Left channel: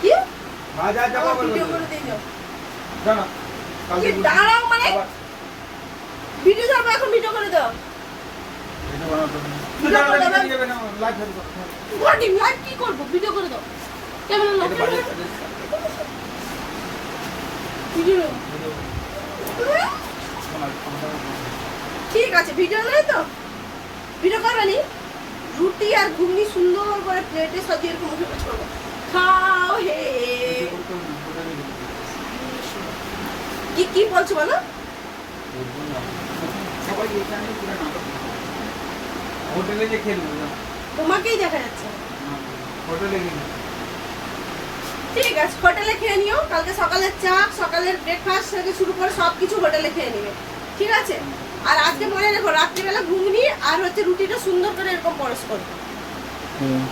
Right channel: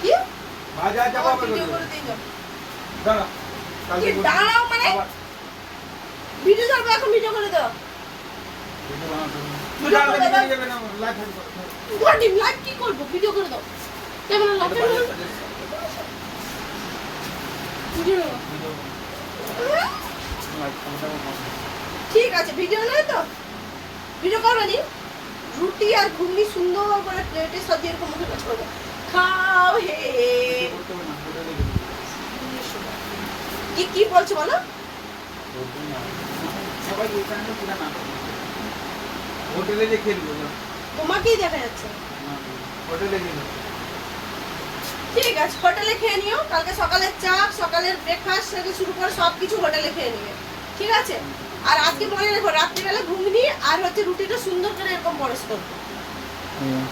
কি? ভাজা চাপা ভিডিও করে দিয়ে যাও। দাঁড়া কি দাঁড়াও মানে? ভিডিও যাব এখন ভিডিও করে দাও। তুই দাঁড়া দাঁড়া যাবে না লাইট ফেল হোয়াট লাইভ কি করব? ভিডিও করে দাও। কেমন লাইভ ভিডিও ঠিক আছে ভিডিও নেই তো? ভিডিও করবে নি? রুটি আর ঘুগনি সুন্দর করে প্লেটে সাজিয়ে এরকম মুখে কাজ করব। খাও হে। কি কি বলছো বলো? হোটেলে যে খেলব তোমাকেই দেখা যাচ্ছে। হোটেলে ঠিক আছে, হোটেলে খেয়ে নিও। কালকে সকালের চা, সকালের ব্রেকফাস্ট থেকে শুরু করে সব কিছু হোটেলে খেয়ে নিবে ঠিক আছে? আর আজকে মনে রেখো রাত্রিবেলা রুটিটা সুন্দর করে এরকম পরশ হুম